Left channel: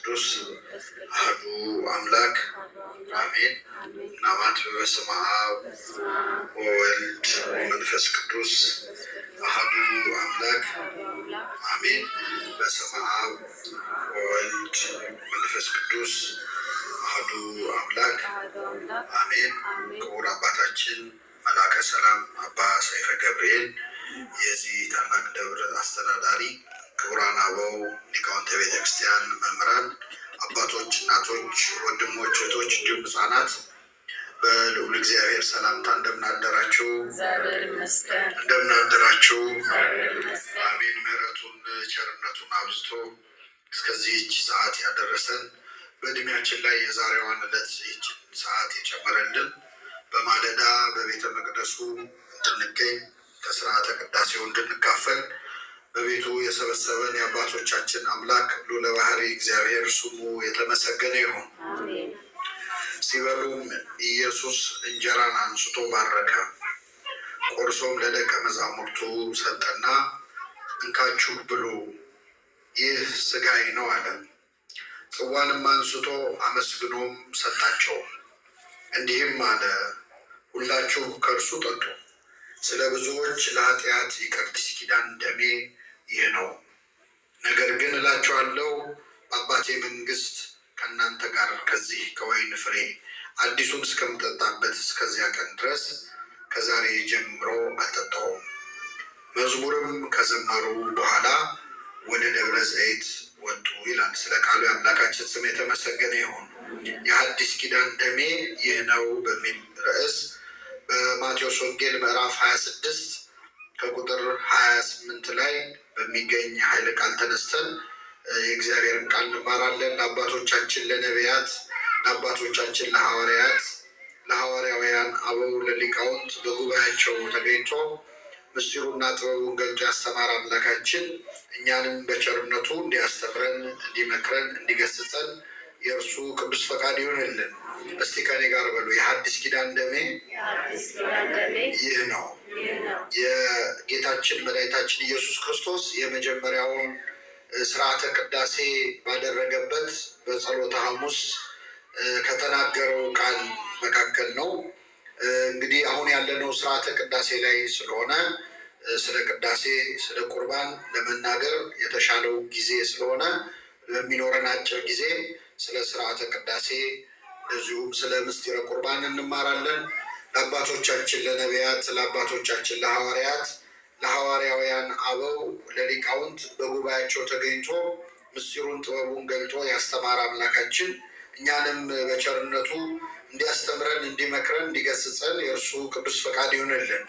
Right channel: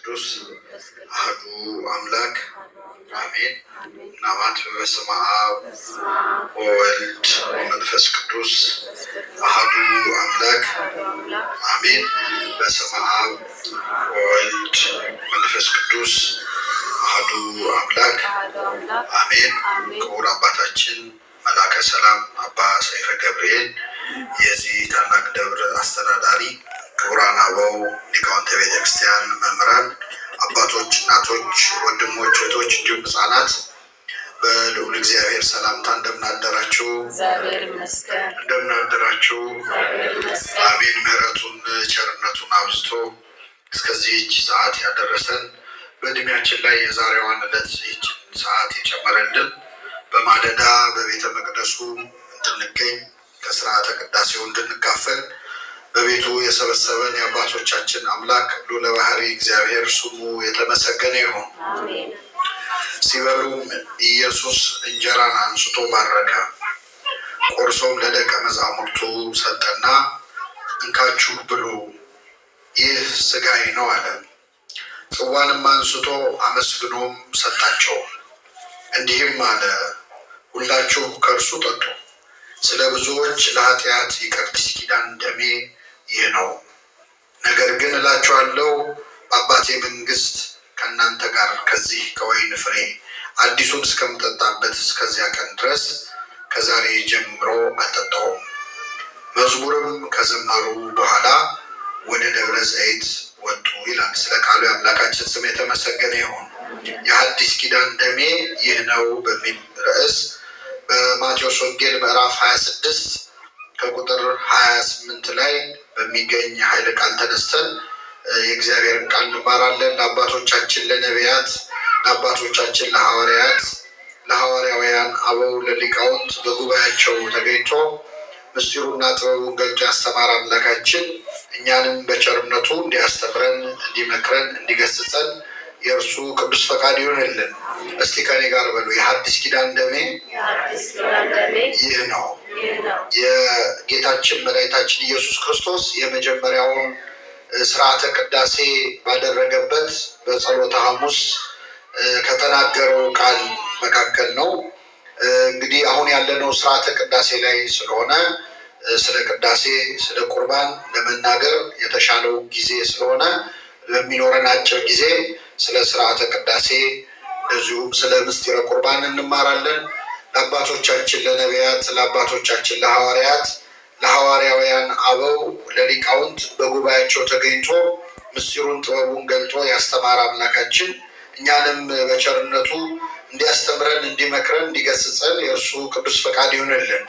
ቅዱስ አሐዱ አምላክ አሜን። ናማት በስመ አብ ወወልድ ወመንፈስ ቅዱስ አሐዱ አምላክ አሜን። በስመ አብ ወወልድ ወመንፈስ ቅዱስ አሐዱ አምላክ አሜን። ክቡር አባታችን መላከ ሰላም አባ ሰይፈ ገብርኤል የዚህ ታላቅ ደብር አስተዳዳሪ፣ ክቡራን አበው ሊቃውንተ ቤተክርስቲያን፣ መምህራን፣ አባቶች፣ እናቶች፣ ወንድሞች፣ እህቶች እንዲሁም ሕፃናት በልዑል እግዚአብሔር ሰላምታ እንደምን አደራችሁ? እንደምን አደራችሁ? አሜን። ምሕረቱን ቸርነቱን አብዝቶ እስከዚህች ሰዓት ያደረሰን በእድሜያችን ላይ የዛሬዋን ዕለት ይህችን ሰዓት የጨመረልን በማለዳ በቤተ መቅደሱ እንድንገኝ ከስርዓተ ቅዳሴው እንድንካፈል በቤቱ የሰበሰበን የአባቶቻችን አምላክ ልዑለ ባሕርይ እግዚአብሔር ስሙ የተመሰገነ ይሁን። ሲበሉም ኢየሱስ እንጀራን አንስቶ ባረከ፣ ቆርሶም ለደቀ መዛሙርቱ ሰጠና እንካችሁ ብሉ፣ ይህ ሥጋዬ ነው አለ። ጽዋንም አንስቶ አመስግኖም ሰጣቸው፣ እንዲህም አለ፣ ሁላችሁ ከእርሱ ጠጡ፣ ስለ ብዙዎች ለኃጢአት የአዲስ ኪዳን ደሜ ይህ ነው። ነገር ግን እላችኋለሁ በአባቴ መንግሥት ከእናንተ ጋር ከዚህ ከወይን ፍሬ አዲሱን እስከምጠጣበት እስከዚያ ቀን ድረስ ከዛሬ ጀምሮ አልጠጣሁም። መዝሙርም ከዘመሩ በኋላ ወደ ደብረ ዘይት ወጡ ይላል። ስለ ቃሉ የአምላካችን ስም የተመሰገነ ይሁን። የአዲስ ኪዳን ደሜ ይህ ነው በሚል ርዕስ በማቴዎስ ወንጌል ምዕራፍ 26 ከቁጥር 28 ላይ በሚገኝ ኃይለ ቃል ተነስተን የእግዚአብሔርን ቃል እንማራለን። ለአባቶቻችን ለነቢያት፣ ለአባቶቻችን ለሐዋርያት፣ ለሐዋርያውያን አበው ለሊቃውንት በጉባኤያቸው ተገኝቶ ምስጢሩና ጥበቡን ገልጦ ያስተማረ አምላካችን እኛንም በቸርነቱ እንዲያስተምረን፣ እንዲመክረን፣ እንዲገስጸን የእርሱ ቅዱስ ፈቃድ ይሆንልን። እስቲ ከኔ ጋር በሉ፣ የሐዲስ ኪዳን ደሜ ይህ ነው። የጌታችን መድኃኒታችን ኢየሱስ ክርስቶስ የመጀመሪያውን ስርዓተ ቅዳሴ ባደረገበት በጸሎተ ሐሙስ ከተናገረው ቃል መካከል ነው። እንግዲህ አሁን ያለነው ስርዓተ ቅዳሴ ላይ ስለሆነ ስለ ቅዳሴ፣ ስለ ቁርባን ለመናገር የተሻለው ጊዜ ስለሆነ በሚኖረን አጭር ጊዜ ስለ ስርዓተ ቅዳሴ እንደዚሁም ስለ ምስጢረ ቁርባን እንማራለን። ለአባቶቻችን ለነቢያት፣ ለአባቶቻችን ለሐዋርያት፣ ለሐዋርያውያን አበው ለሊቃውንት በጉባኤያቸው ተገኝቶ ምስጢሩን ጥበቡን ገልጦ ያስተማረ አምላካችን እኛንም በቸርነቱ እንዲያስተምረን፣ እንዲመክረን፣ እንዲገስጸን የእርሱ ቅዱስ ፈቃድ ይሆንልን።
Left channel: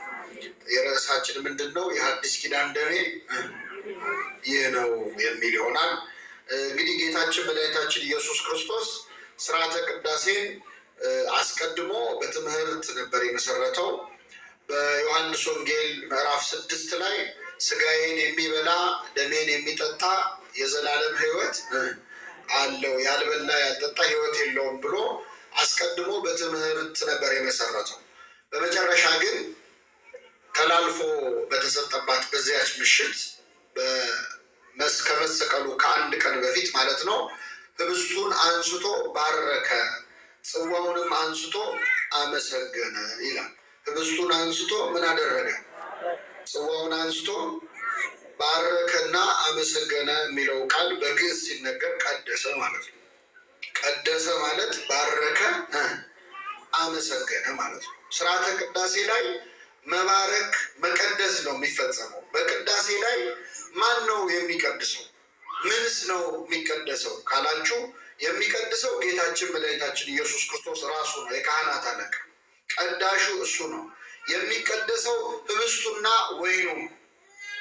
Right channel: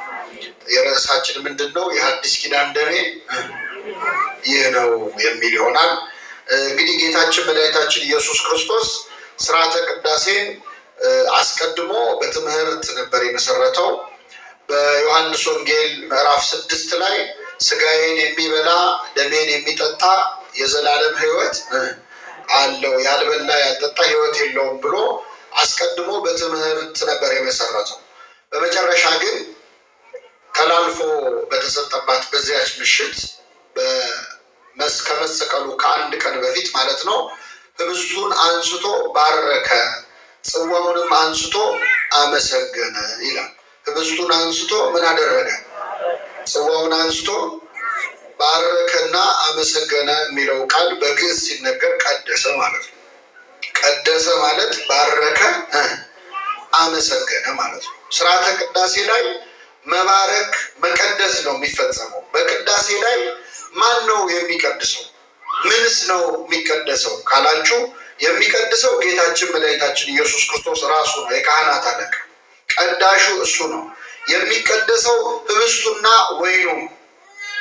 የርዕሳችን ምንድን ነው? የሐዲስ ኪዳን ደሜ ይህ ነው የሚል ይሆናል። እንግዲህ ጌታችን መድኃኒታችን ኢየሱስ ክርስቶስ ስርዓተ ቅዳሴን አስቀድሞ በትምህርት ነበር የመሰረተው። በዮሐንስ ወንጌል ምዕራፍ 6 ላይ ሥጋዬን የሚበላ ደሜን የሚጠጣ የዘላለም ሕይወት አለው፣ ያልበላ ያልጠጣ ሕይወት የለውም ብሎ አስቀድሞ በትምህርት ነበር የመሰረተው። በመጨረሻ ግን ተላልፎ በተሰጠባት በዚያች ምሽት ከመሰቀሉ ከአንድ ቀን በፊት ማለት ነው፣ ህብስቱን አንስቶ ባረከ፣ ጽዋውንም አንስቶ አመሰገነ ይላል። ህብስቱን አንስቶ ምን አደረገ? ጽዋውን አንስቶ ባረከና አመሰገነ የሚለው ቃል በግዕዝ ሲነገር ቀደሰ ማለት ነው። ቀደሰ ማለት ባረከ፣ አመሰገነ ማለት ነው። ስርዓተ ቅዳሴ ላይ መባረክ መቀደስ ነው የሚፈጸመው። በቅዳሴ ላይ ማን ነው የሚቀድሰው? ምንስ ነው የሚቀደሰው ካላችሁ፣ የሚቀድሰው ጌታችን መድኃኒታችን ኢየሱስ ክርስቶስ ራሱ ነው። የካህናት አለቃ ቀዳሹ እሱ ነው። የሚቀደሰው ህብስቱና ወይኑ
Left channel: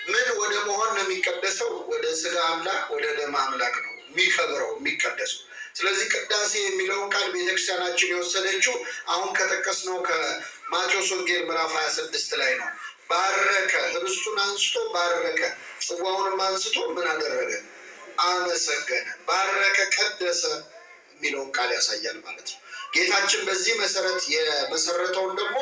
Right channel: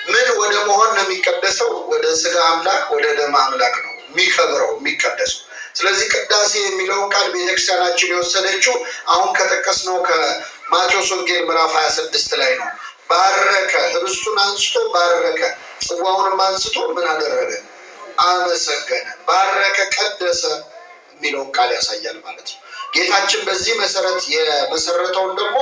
ምን ወደ መሆን ነው የሚቀደሰው? ወደ ስጋ አምላክ ወደ ደም አምላክ ነው የሚከብረው የሚቀደሰው። ስለዚህ ቅዳሴ የሚለውን ቃል ቤተክርስቲያናችን የወሰደችው አሁን ከጠቀስነው ከማቴዎስ ወንጌል ምዕራፍ 26 ላይ ነው። ባረከ፣ ህብስቱን አንስቶ ባረከ፣ ጽዋውንም አንስቶ ምን አደረገ? አመሰገነ። ባረከ፣ ቀደሰ የሚለውን ቃል ያሳያል ማለት ነው። ጌታችን በዚህ መሰረት የመሰረተውን ደግሞ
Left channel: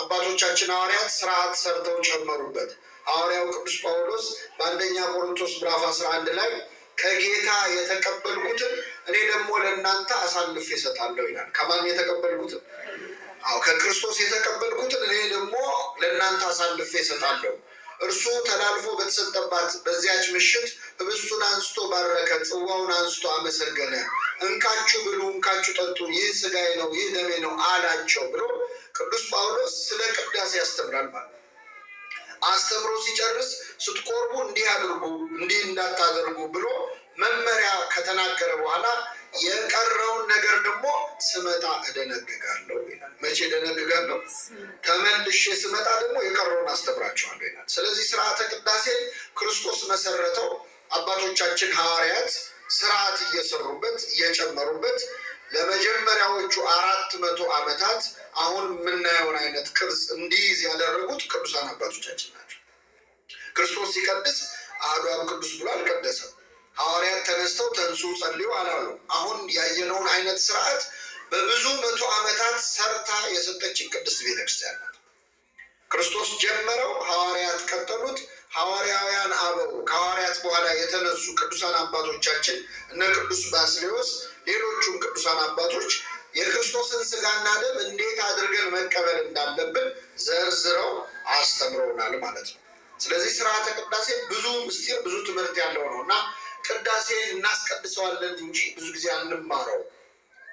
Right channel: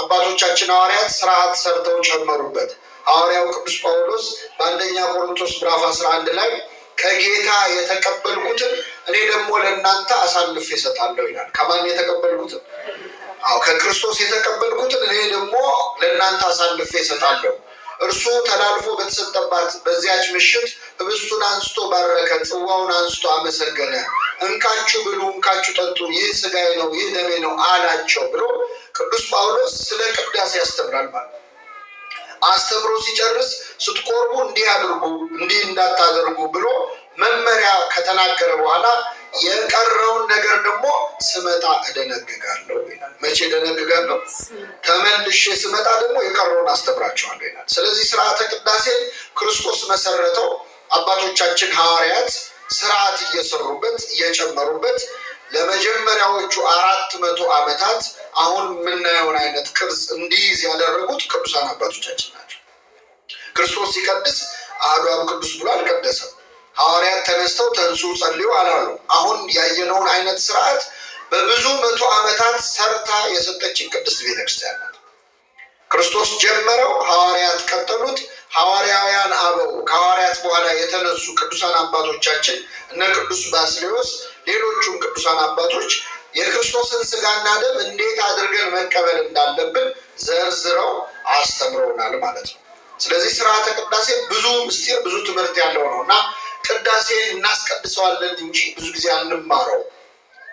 አባቶቻችን ሐዋርያት ስርዓት ሰርተው ጨመሩበት። ሐዋርያው ቅዱስ ጳውሎስ በአንደኛ ቆሮንቶስ ምዕራፍ 11 ላይ ከጌታ የተቀበልኩትን እኔ ለእናንተ አሳልፌ እሰጣለሁ ይላል። ከማን የተቀበልኩትን? ከክርስቶስ የተቀበልኩትን እኔ ደግሞ ለእናንተ አሳልፌ እሰጣለሁ። እርሱ ተላልፎ በተሰጠባት በዚያች ምሽት ህብስቱን አንስቶ ባረከ፣ ጽዋውን አንስቶ አመሰገነ። እንካችሁ ብሉ፣ እንካችሁ ጠጡ፣ ይህ ሥጋዬ ነው፣ ይህ ደሜ ነው አላቸው ብሎ ቅዱስ ጳውሎስ ስለ ቅዳሴ ያስተምራል ማለት ነው። አስተምሮ ሲጨርስ ስትቆርቡ እንዲህ አድርጉ፣ እንዲህ እንዳታደርጉ ብሎ መመሪያ ከተናገረ በኋላ የቀረውን ነገር ደግሞ ስመጣ እደነግጋለሁ ይላል። መቼ እደነግጋለሁ? ተመልሼ ስመጣ ደግሞ የቀረውን አስተምራቸዋለሁ ይላል። ስለዚህ ስርዓተ ቅዳሴ ክርስቶስ መሰረተው። አባቶቻችን ሐዋርያት ስርዓት እየሰሩበት እየጨመሩበት ለመጀመሪያዎቹ 400 ዓመታት አሁን የምናየውን አይነት ቅርጽ እንዲይዝ ያደረጉት ቅዱሳን አባቶቻችን ናቸው። ክርስቶስ ሲቀድስ አሐዱ አብ ቅዱስ ብሎ አልቀደሰም። ሐዋርያት ተነስተው ተንሱ ጸልዩ አላሉ። አሁን ያየነውን አይነት ስርዓት በብዙ 100 ዓመታት ሰርታ የሰጠችን ቅድስት ቤተክርስቲያን ናት። ክርስቶስ ጀመረው፣ ሐዋርያት ቀጠሉት። ሐዋርያውያን አበው ከሐዋርያት በኋላ የተነሱ ቅዱሳን አባቶቻችን እነ ቅዱስ ባስልዮስ፣ ሌሎቹም ቅዱሳን አባቶች የክርስቶስን ሥጋና ደም እንዴት አድርገን መቀበል እንዳለብን ዘርዝረው አስተምረውናል ማለት ነው። ስለዚህ ስርዓተ ቅዳሴ ብዙ ምስጢር ብዙ ትምህርት ያለው ነው እና ቅዳሴን እናስቀድሰዋለን እንጂ ብዙ ጊዜ አንማረው።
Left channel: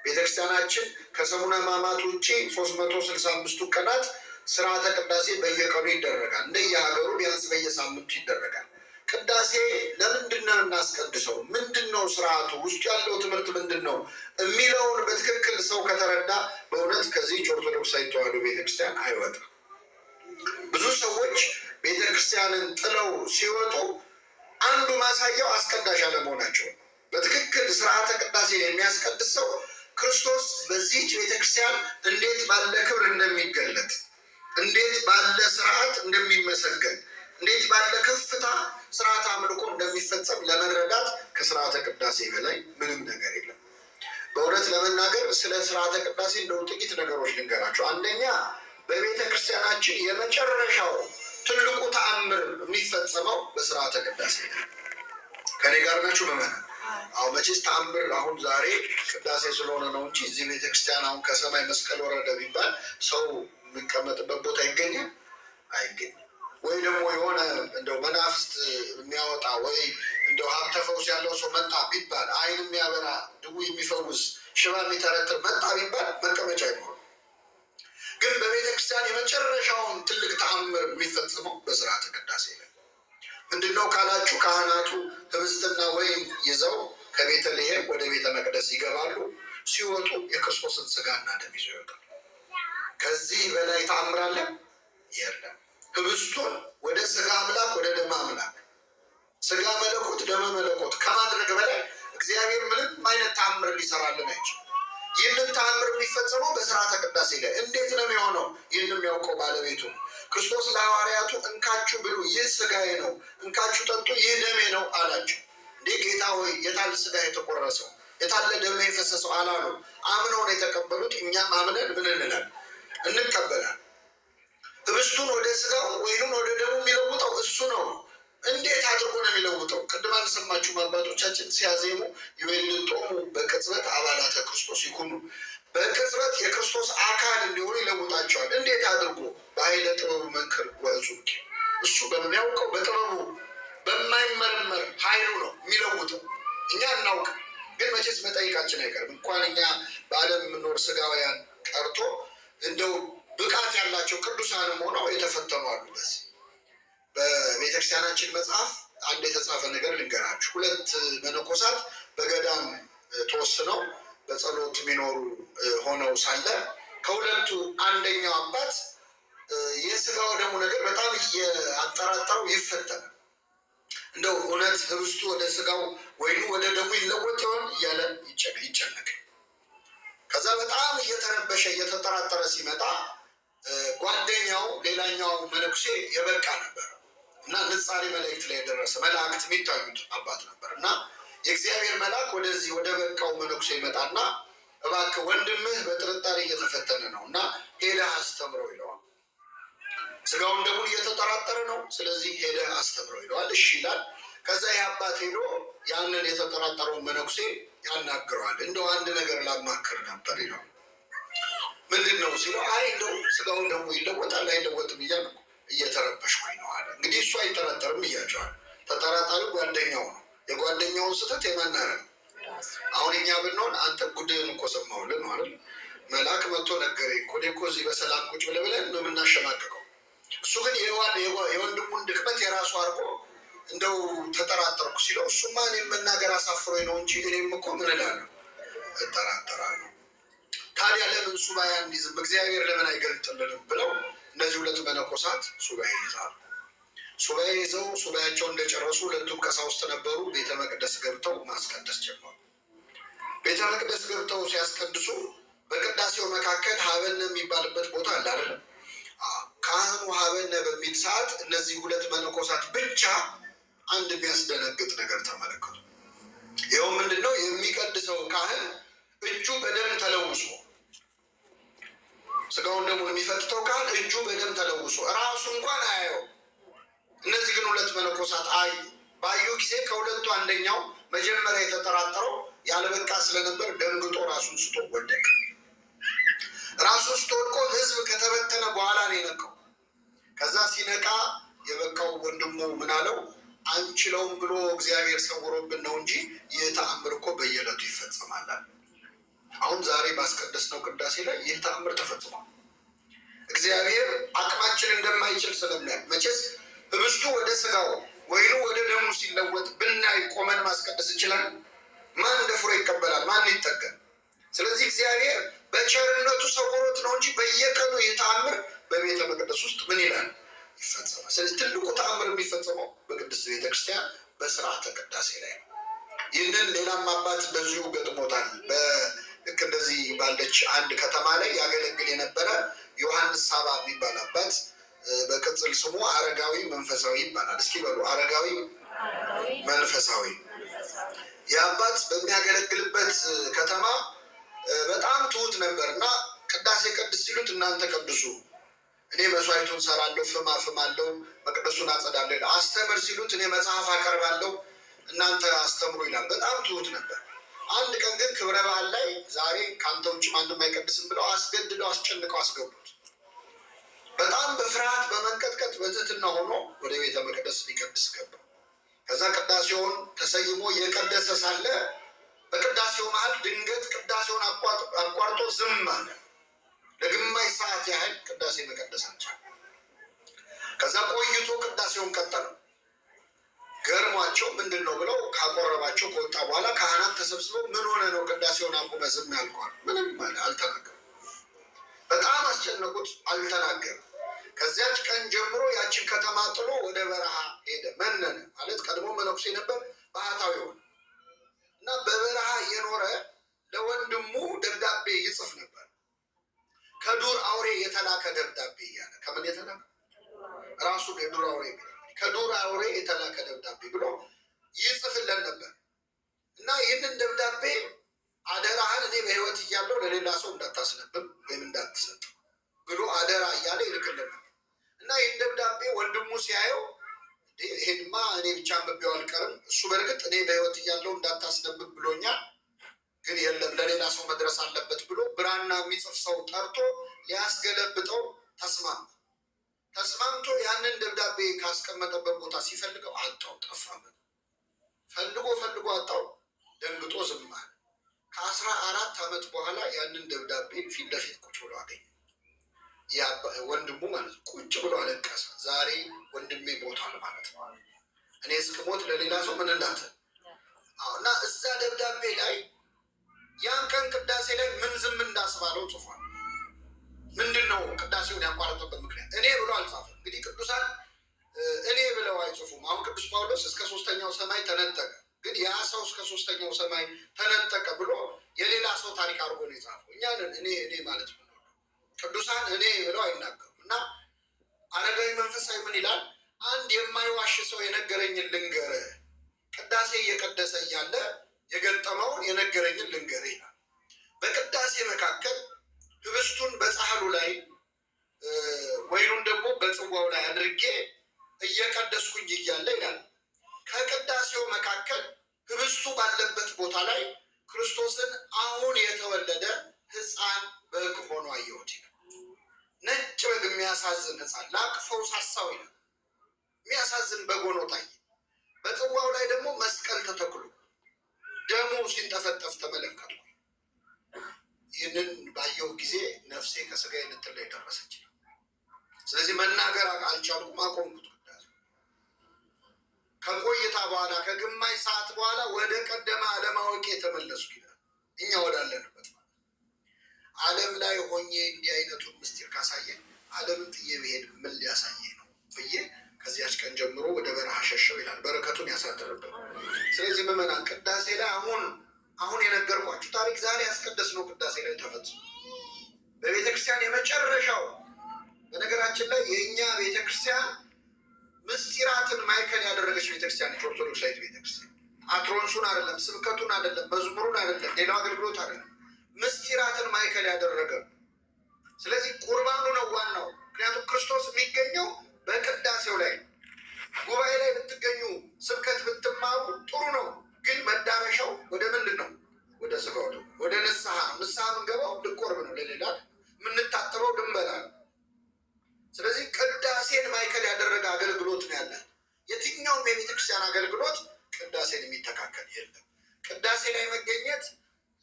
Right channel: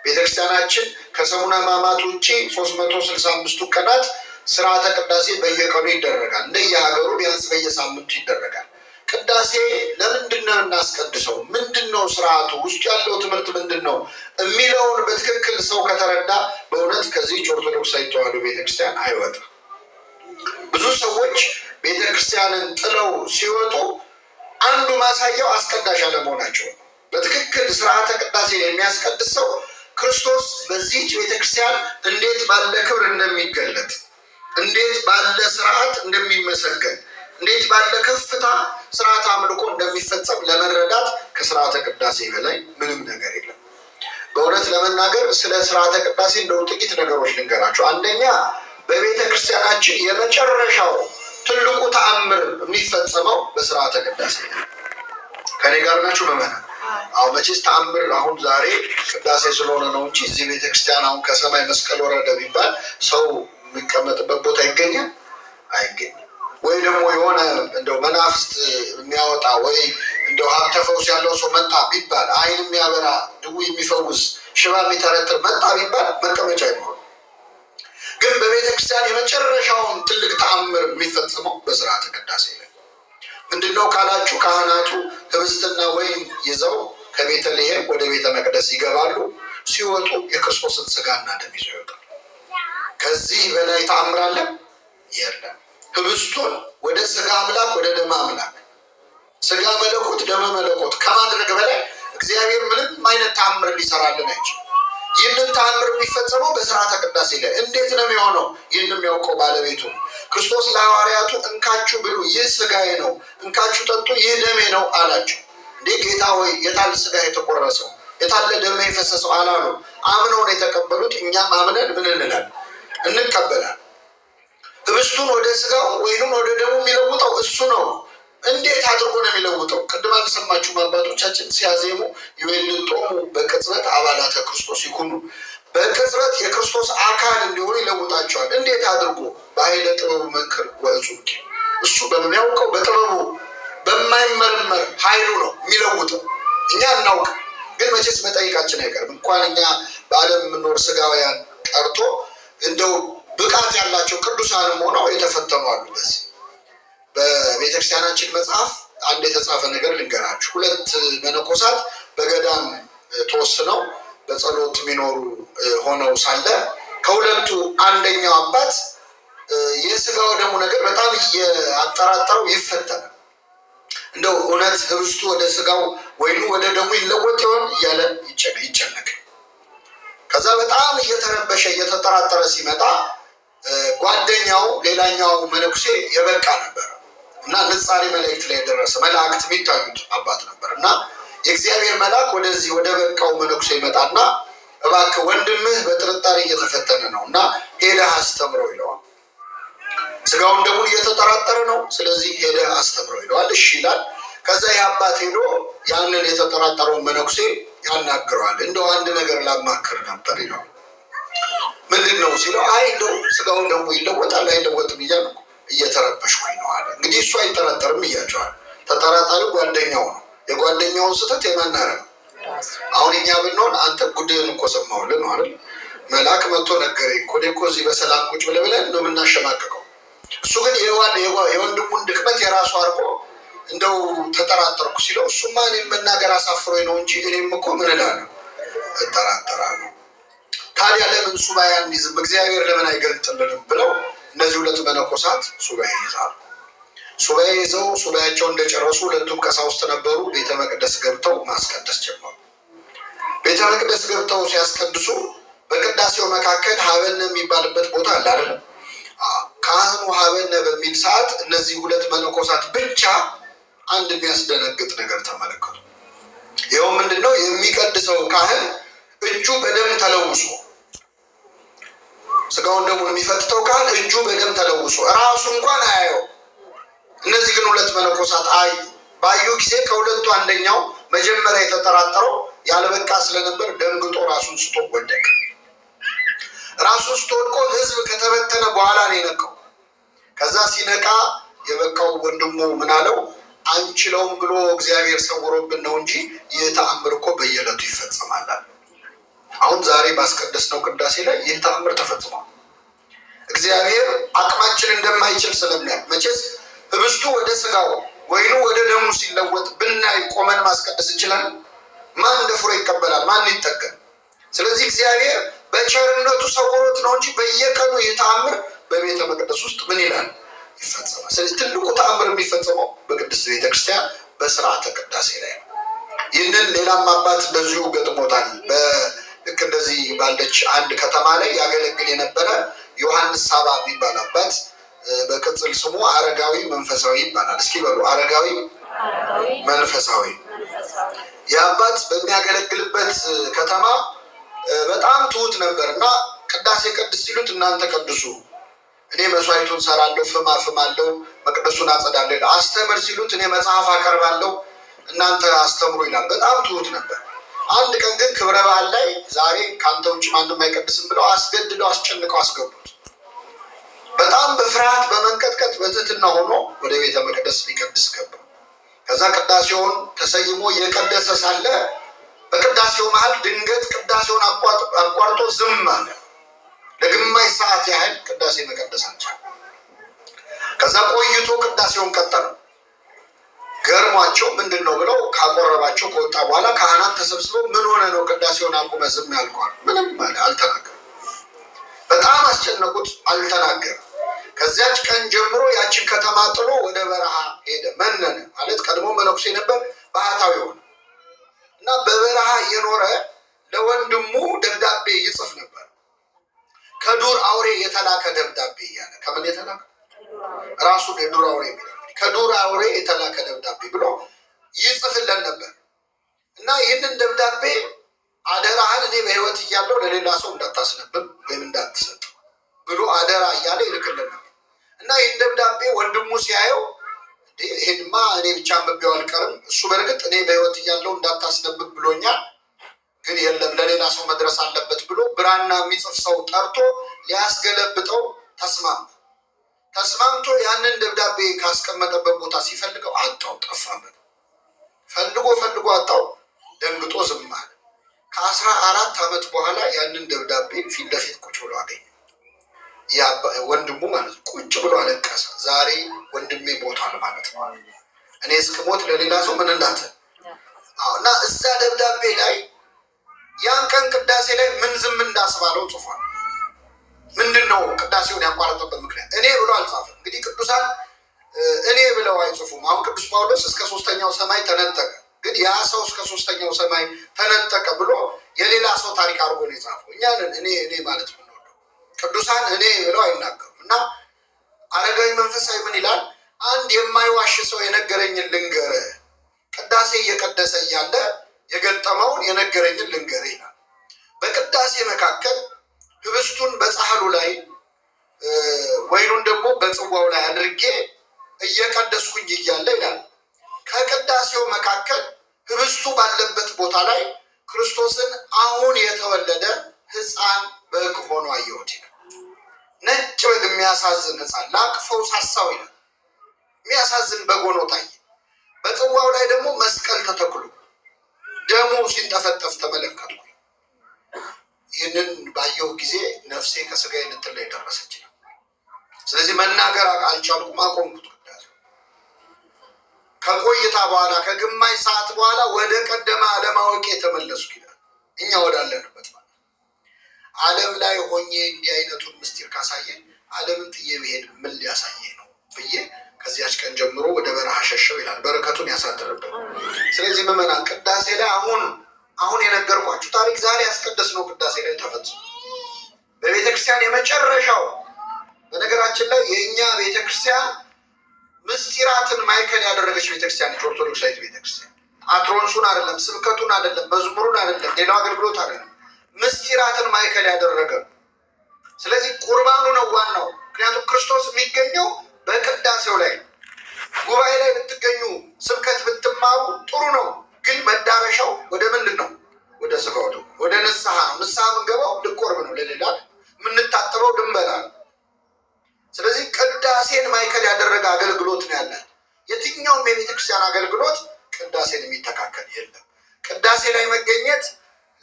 ቤተክርስቲያናችን ከሰሙነ ሕማማት ውጭ 365ቱ ቀናት ስርዓተ ቅዳሴ በየቀኑ ይደረጋል። እንደየሀገሩ ቢያንስ በየሳምንቱ ይደረጋል። ቅዳሴ ለምንድን ነው እናስቀድሰው? ምንድን ነው ስርዓቱ? ውስጡ ያለው ትምህርት ምንድን ነው የሚለውን በትክክል ሰው ከተረዳ በእውነት ከዚህች ኦርቶዶክሳዊት ተዋሕዶ ቤተክርስቲያን አይወጣም። ብዙ ሰዎች ቤተክርስቲያንን ጥለው ሲወጡ አንዱ ማሳያው አስቀዳሽ አለመሆናቸው። በትክክል ስርዓተ ቅዳሴ የሚያስቀድስ ሰው ክርስቶስ በዚህች ቤተክርስቲያን እንዴት ባለ ክብር እንደሚገለጥ፣ እንዴት ባለ ስርዓት እንደሚመሰገን፣ እንዴት ባለ ከፍታ ስርዓት አምልኮ እንደሚፈጸም ለመረዳት ከስርዓተ ቅዳሴ በላይ ምንም ነገር የለም። በእውነት ለመናገር ስለ ስርዓተ ቅዳሴ እንደው ጥቂት ነገሮች ልንገራቸው። አንደኛ በቤተ ክርስቲያናችን የመጨረሻው ትልቁ ተአምር የሚፈጸመው በስርዓተ ቅዳሴ ነው። ከኔ ጋር ናችሁ ምዕመናን? መቼስ ተአምር አሁን ዛሬ ቅዳሴ ስለሆነ ነው እንጂ እዚህ ቤተክርስቲያን አሁን ከሰማይ መስቀል ወረደ ቢባል ሰው የሚቀመጥበት ቦታ ይገኛል? አይገኝም። ወይ ደግሞ የሆነ እንደው መናፍስት የሚያወጣ ወይ እንደው ሀብተ ፈውስ ያለው ሰው መጣ ቢባል፣ ዓይን የሚያበራ ድውይ የሚፈውስ ሽባ የሚተረትር መጣ ቢባል መቀመጫ ይኖር። ግን በቤተ ክርስቲያን የመጨረሻውን ትልቅ ተአምር የሚፈጽመው በስርዓተ ቅዳሴ ላይ ምንድነው ካላችሁ፣ ካህናቱ ህብስትና ወይን ይዘው ከቤተልሔም ወደ ቤተ መቅደስ ይገባሉ። ሲወጡ የክርስቶስን ሥጋና ደም ይዘው ይወጣሉ። ከዚህ በላይ ተአምር አለ? የለም። ህብስቱን ወደ ሥጋ አምላክ ወደ ደም አምላክ፣ ሥጋ መለኮት ደመ መለኮት ከማድረግ በላይ እግዚአብሔር ምንም አይነት ተአምር ሊሰራልን አይችልም። ይህንን ተአምር የሚፈጸመው በስርዓተ ቅዳሴ ላይ። እንዴት ነው የሚሆነው? ይህን የሚያውቀው ባለቤቱ ነው። ክርስቶስ ለሐዋርያቱ እንካችሁ ብሉ፣ ይህ ሥጋዬ ነው፣ እንካችሁ ጠጡ፣ ይህ ደሜ ነው አላቸው። እንዴ ጌታ ሆይ የታለ ሥጋ የተቆረሰው የታለ ደሜ የፈሰሰው አላሉ። አምነው ነው የተቀበሉት። እኛም አምነን ምን እንላለን? እንቀበላል። ህብስቱን ወደ ሥጋው ወይኑን ወደ ደሙ የሚለውጠው እሱ ነው። እንዴት አድርጎ ነው የሚለውጠው? ቅድም አልሰማችሁም? አባቶቻችን ሲያዜሙ ይዌልጦሙ በቅጽበት አባላተ ክርስቶስ ይኩኑ፣ በቅጽበት የክርስቶስ አካል እንዲሆኑ ይለውጣቸዋል። እንዴት አድርጎ? በኃይለ ጥበቡ መንክር ወእጹብ። እሱ በሚያውቀው በጥበቡ በማይመረመር ኃይሉ ነው የሚለውጠው። እኛ እናውቅ፣ ግን መቼስ መጠይቃችን አይቀርም። እንኳን እኛ በዓለም የምንኖር ሥጋውያን ቀርቶ እንደው ብቃት ያላቸው ቅዱሳንም ሆነው የተፈተኑ አሉ። በዚህ በቤተክርስቲያናችን መጽሐፍ አንድ የተጻፈ ነገር ልንገራችሁ። 2 መነኮሳት በገዳም ተወስነው በጸሎት የሚኖሩ ሆነው ሳለ ከሁለቱ አንደኛው አባት የሥጋው ደሙ ነገር በጣም እያጠራጠረው ይፈተናል። እንደው እውነት ህብስቱ ወደ ሥጋው ወይኑ ወደ ደሙ ይለወጥ ይሆን እያለ ይጨነቅ። ከዛ በጣም እየተረበሸ እየተጠራጠረ ሲመጣ ጓደኛው ሌላኛው መነኩሴ የበቃ ነበር እና ንጻሬ መላእክት ላይ የደረሰ መላእክት የሚታዩት አባት ነበር እና የእግዚአብሔር መልአክ ወደዚህ ወደ በቃው መነኩሴ ይመጣና እባክህ ወንድምህ በጥርጣሬ እየተፈተነ ነው እና ሄደህ አስተምረው ይለዋል። ሥጋውን ደሙን እየተጠራጠረ ነው፣ ስለዚህ ሄደህ አስተምረው ይለዋል። እሺ ይላል። ከዛ የአባት ሄዶ ያንን የተጠራጠረውን መነኩሴ ያናግረዋል። እንደው አንድ ነገር ላማክር ነበር ይለው። ምንድን ነው ሲለው፣ አይ እንደው ስጋው ደግሞ ይለወጣል አይለወጥም እያልኩ እየተረበሽኩኝ ነው አለ። እንግዲህ እሱ አይጠራጠርም እያቸዋል። ተጠራጣሪው ጓደኛው ነው። የጓደኛውን ስህተት የማናረ ነው። አሁን እኛ ብንሆን አንተ ጉድህን እኮ ሰማሁልህ ነው አይደል? መልአክ መጥቶ ነገረኝ እኮ እዚህ በሰላም ቁጭ ብለን ነው የምናሸማቅቀው። እሱ ግን የወንድሙን ድክመት የራሱ አድርጎ እንደው ተጠራጠርኩ ሲለው፣ እሱማ እኔም መናገር አሳፍሮኝ ነው እንጂ እኔም እኮ ምን እላለሁ እጠራጠራለሁ። ታዲያ ለምን ሱባኤ አንይዝም? እግዚአብሔር ለምን አይገልጥልንም? ብለው እነዚህ ሁለት መነኮሳት ሱባኤ ይዛሉ። ሱባኤ ይዘው ሱባኤያቸው እንደጨረሱ ሁለቱም ቀሳውስት ነበሩ። ቤተ መቅደስ ገብተው ማስቀደስ ጀመሩ። ቤተ መቅደስ ገብተው ሲያስቀድሱ በቅዳሴው መካከል ሀበነ የሚባልበት ቦታ አለ አይደለም? ካህኑ ሀበነ በሚል ሰዓት እነዚህ ሁለት መነኮሳት ብቻ አንድ የሚያስደነግጥ ነገር ተመለከቱ። ይኸው ምንድን ነው? የሚቀድሰው ካህን እጁ በደም ተለውሶ፣ ስጋውን ደሙን የሚፈትተው ካህን እጁ በደም ተለውሶ ራሱ እንኳን አያየው። እነዚህ ግን ሁለት መነኮሳት አዩ። ባዩ ጊዜ ከሁለቱ አንደኛው መጀመሪያ የተጠራጠረው ያልበቃ ስለነበር ደንግጦ ራሱን ስቶ ወደቀ። ራሱን ስቶ ወድቆ ሕዝብ ከተበተነ በኋላ ነው የነቃው። ከዛ ሲነቃ የበቃው ወንድሙ ምን አለው? አንችለውም ብሎ እግዚአብሔር ሰውሮብን ነው እንጂ ይህ ተአምር እኮ በየዕለቱ ይፈጸማል። አሁን ዛሬ ባስቀደስነው ቅዳሴ ላይ ይህ ተአምር ተፈጽሟል። እግዚአብሔር አቅማችን እንደማይችል ስለሚያውቅ፣ መቼስ ህብስቱ ወደ ስጋው ወይኑ ወደ ደሙ ሲለወጥ ብናይ ቆመን ማስቀደስ እንችላለን? ማን ደፍሮ ይቀበላል? ማን ይጠገን? ስለዚህ እግዚአብሔር በቸርነቱ ሰውሮት ነው እንጂ በየቀኑ ይህ ተአምር በቤተ መቅደስ ውስጥ ምን ይላል? ይፈጸማል። ስለዚህ ትልቁ ተአምር የሚፈጸመው በቅድስት ቤተክርስቲያን በስርዓተ ቅዳሴ ላይ ነው። ይህንን ሌላም አባት እንደዚሁ ገጥሞታል። ልክ እንደዚህ ባለች አንድ ከተማ ላይ ያገለግል የነበረ ዮሐንስ ሳባ የሚባል አባት፣ በቅጽል ስሙ አረጋዊ መንፈሳዊ ይባላል። እስኪ በሉ አረጋዊ መንፈሳዊ። የአባት በሚያገለግልበት ከተማ በጣም ትሁት ነበር እና ቅዳሴ ቅድስ ሲሉት እናንተ ቅዱሱ፣ እኔ መስዋዕቱን ሰራለሁ፣ ፍም አፍማለሁ፣ መቅደሱን አጸዳለሁ። አስተምር ሲሉት እኔ መጽሐፍ አቀርባለሁ፣ እናንተ አስተምሩ ይላል። በጣም ትሁት ነበር። አንድ ቀን ግን ክብረ በዓል ላይ ዛሬ ከአንተ ውጭ ማንም አይቀድስም ብለው አስገድደው አስጨንቀው አስገቡት። በጣም በፍርሃት በመንቀጥቀጥ በትህትና ሆኖ ወደ ቤተ መቅደስ ሊቀድስ ገባ። ከዛ ቅዳሴውን ተሰይሞ እየቀደሰ ሳለ በቅዳሴው መሀል ድንገት ቅዳሴውን አቋርጦ ዝም አለ። ለግማሽ ሰዓት ያህል ቅዳሴ መቀደስ አልቻለም። ከዛ ቆይቶ ቅዳሴውን ቀጠለ። ገርሟቸው ምንድን ነው ብለው ካቆረባቸው ከወጣ በኋላ ካህናት ተሰብስበው ምን ሆነ ነው ቅዳሴውን አቁመ ዝም ያልኳል? ምንም አለ፣ አልተናገረም። በጣም አስጨነቁት፣ አልተናገረም። ከዚያች ቀን ጀምሮ ያችን ከተማ ጥሎ ወደ በረሃ ሄደ። መነነ ማለት ቀድሞ መነኩሴ ነበር፣ ባህታዊ ሆነ እና በበረሃ እየኖረ ለወንድሙ ደብዳቤ ይጽፍ ነበር። ከዱር አውሬ የተላከ ደብዳቤ እያለ ከምን የተላከ ራሱ የዱር አውሬ የሚለው ከዱር አውሬ የተላከ ደብዳቤ ብሎ ይጽፍለን ነበር እና ይህንን ደብዳቤ አደራህን እኔ በሕይወት እያለሁ ለሌላ ሰው እንዳታስነብብ ወይም እንዳትሰጥ ብሎ አደራ እያለ ይልክልን ነበር እና ይህን ደብዳቤ ወንድሙ ሲያየው ይህንማ እኔ ብቻ አንብቤው አልቀርም፣ እሱ በእርግጥ እኔ በሕይወት እያለሁ እንዳታስነብብ ብሎኛል፣ ግን የለም ለሌላ ሰው መድረስ አለበት ብሎ ብራና የሚጽፍ ሰው ጠርቶ ሊያስገለብጠው ተስማምቶ ያንን ደብዳቤ ካስቀመጠበት ቦታ ሲፈልገው አጣው፣ ጠፋበት። ፈልጎ አጣው። ደንግጦ ዝም አለ። ከ14 ዓመት በኋላ ያንን ደብዳቤ ፊት ለፊት ቁጭ ብሎ አገኘ። ወንድሙ ማለት ቁጭ ብሎ አለቀሰ። ዛሬ ወንድሜ ሞቷል ማለት ነው። እኔ እስክሞት ለሌላ ሰው ምን እንዳተ እና እዛ ደብዳቤ ላይ ያን ቀን ቅዳሴ ላይ ምን ዝም እንዳስባለው ጽፏል። ምንድን ነው ቅዳሴውን ያቋረጠበት ምክንያት? እኔ ብሎ አልጻፈም። እንግዲህ ቅዱሳን እኔ ብለው አይጽፉም። አሁን ቅዱስ ጳውሎስ እስከ 3ኛው ሰማይ ተነጠቀ፣ ግን ያ ሰው እስከ 3ኛው ሰማይ ተነጠቀ ብሎ የሌላ ሰው ታሪክ አድርጎ ነው የጻፈው። እኛንን እኔ ማለት ነው። ቅዱሳን እኔ ብለው አይናገሩም። እና አረጋዊ መንፈሳዊ ምን ይላል? አንድ የማይዋሽ ሰው የነገረኝን ልንገር፣ ቅዳሴ እየቀደሰ እያለ የገጠመውን የነገረኝን ልንገር ይላል። በቅዳሴ መካከል ህብስቱን በጻሕሉ ላይ ወይኑን ደግሞ በጽዋው ላይ አድርጌ እየቀደስኩኝ እያለ ይላል ከቅዳሴው መካከል ህብስቱ ባለበት ቦታ ላይ ክርስቶስን አሁን የተወለደ ሕፃን በግ ሆኖ አየሁት ይላል። ነጭ በግ የሚያሳዝን ሕፃን ላቅፈው ሳሳው ይላል። የሚያሳዝን በግ ሆኖ ታየ። በጽዋው ላይ ደግሞ መስቀል ተተክሎ ደሙ ሲንጠፈጠፍ ተመለከቱ። ይህንን ባየሁ ጊዜ ነፍሴ ከስጋዬ ልትለይ ደረሰች ነው። ስለዚህ መናገር አልቻልኩም፣ አቆምኩት። ከቆይታ በኋላ ከግማሽ ሰዓት በኋላ ወደ ቀደመ አለማወቄ የተመለስኩ ይላል። እኛ ወዳለንበት ማለት ዓለም ላይ ሆኜ እንዲህ አይነቱን ምስጢር ካሳየኝ ዓለምን ጥዬ ብሄድ ምን ሊያሳየኝ ነው ብዬ ከዚያች ቀን ጀምሮ ወደ በረሃ ሸሸው ይላል። በረከቱን ያሳደረብን። ስለዚህ ምዕመናን ቅዳሴ ላይ አሁን የነገርኳችሁ ታሪክ ዛሬ ያስቀደስነው ቅዳሴ ላይ ተፈጽሞ በቤተክርስቲያን የመጨረሻው። በነገራችን ላይ የእኛ ቤተክርስቲያን ምስጢራትን ማዕከል ያደረገች ቤተክርስቲያን ነች። ኦርቶዶክሳዊት ቤተክርስቲያን አትሮንሱን አይደለም፣ ስብከቱን አይደለም፣ መዝሙሩን አይደለም፣ ሌላው አገልግሎት አይደለም፣ ምስጢራትን ማዕከል ያደረገ። ስለዚህ ቁርባኑ ነው ዋናው። ምክንያቱም ክርስቶስ የሚገኘው በቅዳሴው ላይ። ጉባኤ ላይ ብትገኙ ስብከት ብትማሩ ጥሩ ነው፣ ግን መዳረሻው ወደ ምንድን ነው? ወደ ስጋው ነው፣ ወደ ንስሐ ነው። ንስሐ የምንገባው ልንቆርብ ነው፣ ለሌላ የምንታጠበው ድንበላ ነው። ስለዚህ ቅዳሴን ማዕከል ያደረገ አገልግሎት ነው ያለን። የትኛውም የቤተክርስቲያን አገልግሎት ቅዳሴን የሚተካከል የለም። ቅዳሴ ላይ መገኘት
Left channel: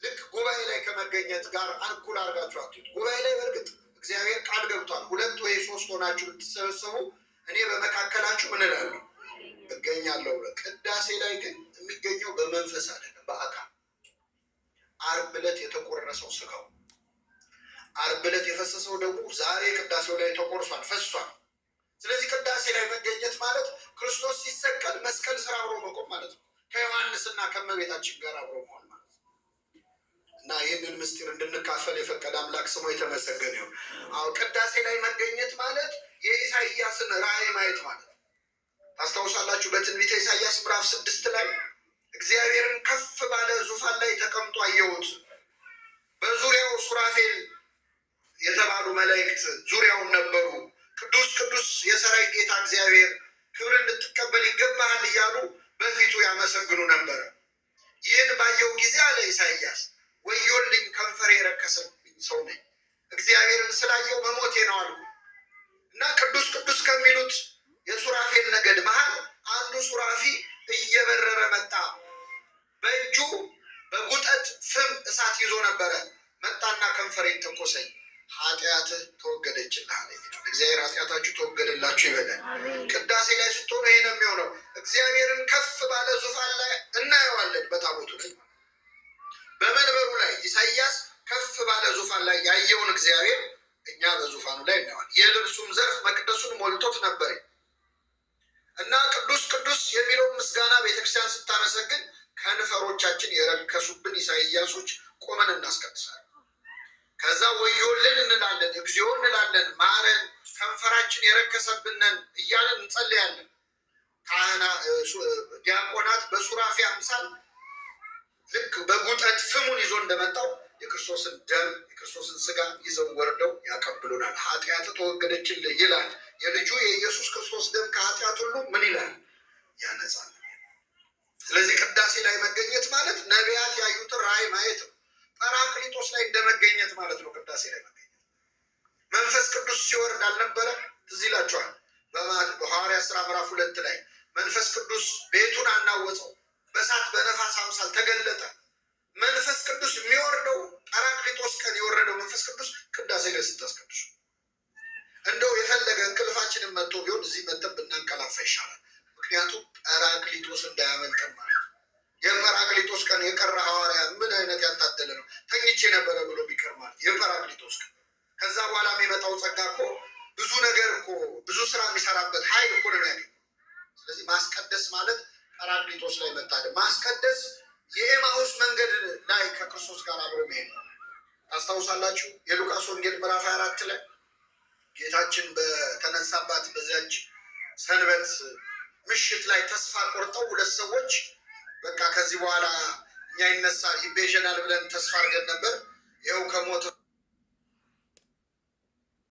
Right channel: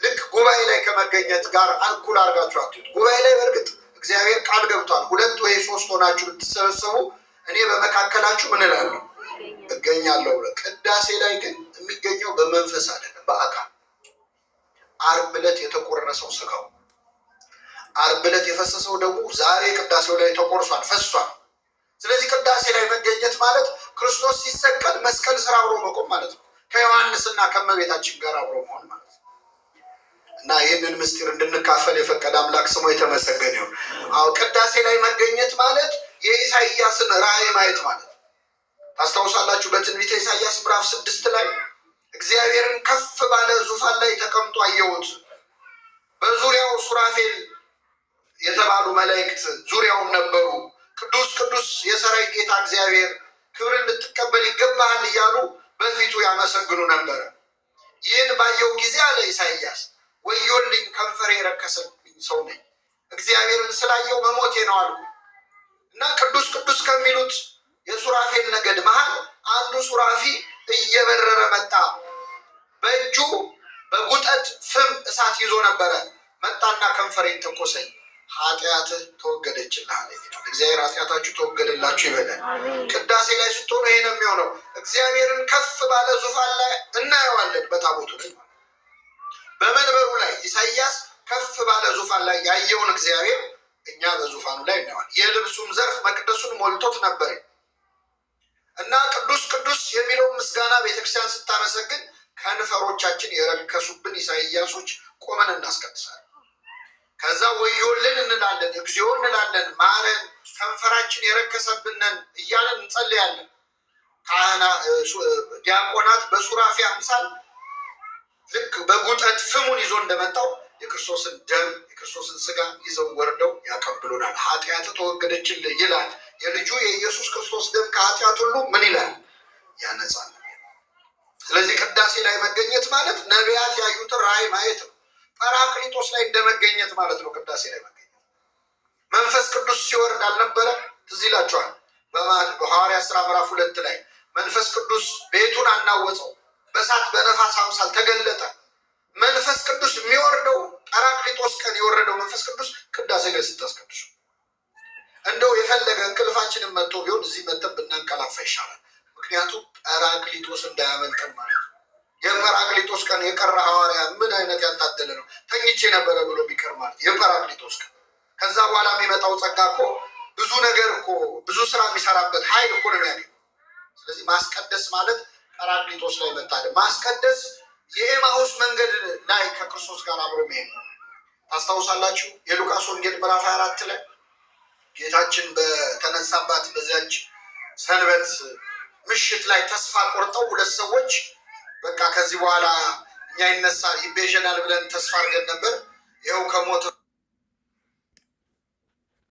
ልክ ጉባኤ ላይ ከመገኘት ጋር እኩል አድርጋችሁ አትዩት። ጉባኤ ላይ በእርግጥ እግዚአብሔር ቃል ገብቷል፣ 2 ወይ 3 ሆናችሁ ብትሰበሰቡ እኔ በመካከላችሁ ምን እላለሁ? እገኛለሁ ብሎ። ቅዳሴ ላይ ግን የሚገኘው በመንፈስ አይደለም፣ በአካል። ዓርብ ዕለት የተቆረሰው ስጋው፣ ዓርብ ዕለት የፈሰሰው ደግሞ ዛሬ ቅዳሴው ላይ ተቆርሷል፣ ፈሷል። ስለዚህ ቅዳሴ ላይ መገኘት ማለት ክርስቶስ ሲሰቀል መስቀል ስራ አብሮ መቆም ማለት ነው። ከዮሐንስና ከእመቤታችን ጋር አብሮ መሆን ማለት ነው። እና ይህንን ምስጢር እንድንካፈል የፈቀደ አምላክ ስሙ የተመሰገነ ይሁን። አዎ ቅዳሴ ላይ መገኘት ማለት የኢሳይያስን ራእይ ማየት ማለት ነው። ታስታውሳላችሁ፣ በትንቢተ ኢሳይያስ ምዕራፍ 6 ላይ እግዚአብሔርን ከፍ ባለ ዙፋን ላይ ተቀምጦ አየሁት፣ በዙሪያው ሱራፌል የተባሉ መላእክት ዙሪያውን ነበሩ። ቅዱስ ቅዱስ የሰራዊት ጌታ እግዚአብሔር ክብርን ልትቀበል ይገባሃል እያሉ በፊቱ ያመሰግኑ ነበረ። ይህን ባየው ጊዜ አለ ኢሳይያስ፣ ወዮልኝ ከንፈሬ የረከሰብኝ ሰው ነኝ፣ እግዚአብሔርን ስላየው መሞቴ ነው አልኩ። እና ቅዱስ ቅዱስ ከሚሉት የሱራፌል ነገድ መሃል አንዱ ሱራፊ እየበረረ መጣ። በእጁ በጉጠት ፍም እሳት ይዞ ነበረ። መጣና ከንፈሬን ተኮሰኝ፣ ኃጢአትህ ተወገደችልህ አለ። እግዚአብሔር ኃጢአታችሁ ተወገደላችሁ ይበላል። ቅዳሴ ላይ ስትሆኑ ይሄ ነው የሚሆነው። እግዚአብሔርን ከፍ ባለ ዙፋን ላይ እናየዋለን። በታቦቱ ላይ በመንበሩ ላይ ኢሳይያስ ከፍ ባለ ዙፋን ላይ ያየውን እግዚአብሔር እኛ በዙፋኑ ላይ እናየዋለን። የልብሱም ዘርፍ መቅደሱን ሞልቶት ነበር እና ቅዱስ ቅዱስ የሚለውን ምስጋና ቤተክርስቲያን ስታመሰግን ከንፈሮቻችን የረከሱብን ኢሳይያሶች ቆመን እናስቀድሳለን። ከዛ ወዮልን እንላለን፣ እግዚኦ እንላለን፣ ማረን፣ ከንፈራችን የረከሰብንን እያለን እንጸልያለን። ዲያቆናት በሱራፊ አምሳል ልክ በጉጠት ፍሙን ይዞ እንደመጣው የክርስቶስን ደም የክርስቶስን ስጋ ይዘው ወርደው ያቀብሉናል። ኃጢአት ተወገደችልህ ይላል። የልጁ የኢየሱስ ክርስቶስ ደም ከኃጢአት ሁሉ ምን ይላል? ያነጻል። ስለዚህ ቅዳሴ ላይ መገኘት ማለት ነቢያት ያዩትን ራእይ ማየት ነው። ጰራቅሊጦስ ላይ እንደመገኘት ማለት ነው። ቅዳሴ ላይ መገኘት መንፈስ ቅዱስ ሲወርድ አልነበረ? ትዝ ይላችኋል። በሐዋርያት ሥራ ምዕራፍ 2 ላይ መንፈስ ቅዱስ ቤቱን አናወፀው፣ በእሳት በነፋስ አምሳል ተገለጠ። መንፈስ ቅዱስ የሚወርደው ጰራቅሊጦስ ቀን የወረደው መንፈስ ቅዱስ ቅዳሴ ላይ ስታስቀድሱ፣ እንደው የፈለገ እንቅልፋችንን መጥቶ ቢሆን እዚህ መጠን ብናንቀላፋ ይሻላል። ምክንያቱም ጰራቅሊጦስ እንዳያመልጠን ማለት ነው። የጰራቅሊጦስ ቀን የቀረ ሐዋርያ ምን አይነት ያልታደለ ነው! ተኝቼ ነበረ ብሎ ቢቀር ማለት የጰራቅሊጦስ ቀን። ከዛ በኋላ የሚመጣው ጸጋ እኮ ብዙ ነገር እኮ ብዙ ስራ የሚሰራበት ኃይል እኮ ነው የሚያገኝ። ስለዚህ ማስቀደስ ማለት ጰራቅሊጦስ ላይ መታደም። ማስቀደስ የኤማሁስ መንገድ ላይ ከክርስቶስ ጋር አብሮ መሄድ ነው። ታስታውሳላችሁ የሉቃስ ወንጌል ምዕራፍ 24 ላይ ጌታችን በተነሳባት በዚያች ሰንበት ምሽት ላይ ተስፋ ቆርጠው 2 ሰዎች በቃ ከዚህ በኋላ እኛ ይነሳ ይቤዠናል ብለን ተስፋ አድርገን ነበር፣ ይኸው ከሞት